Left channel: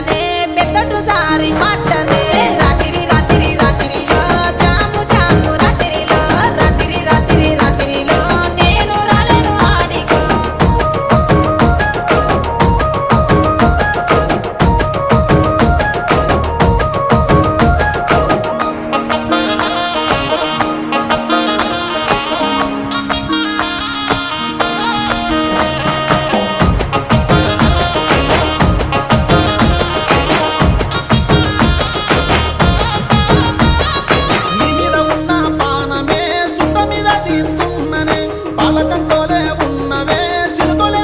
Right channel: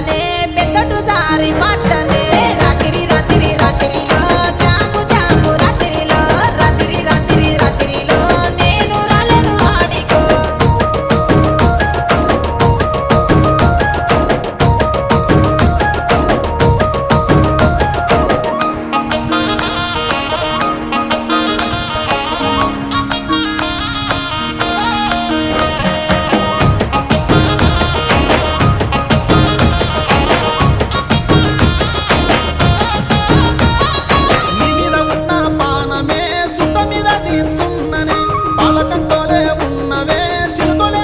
పట్టనే పెద్దటు జారి పట్టనే రాత్రి రాత్రి రాత్రిలో జాము జాము రాత్రిలో రాత్రి రాత్రి రాత్రిలో నేను రాలను ఆడికో నీ మీద ఉన్న పానమే సుట్ట మీద తీస్తున్ననే పాలకంతోనే ఉన్నవే సిలుకొలే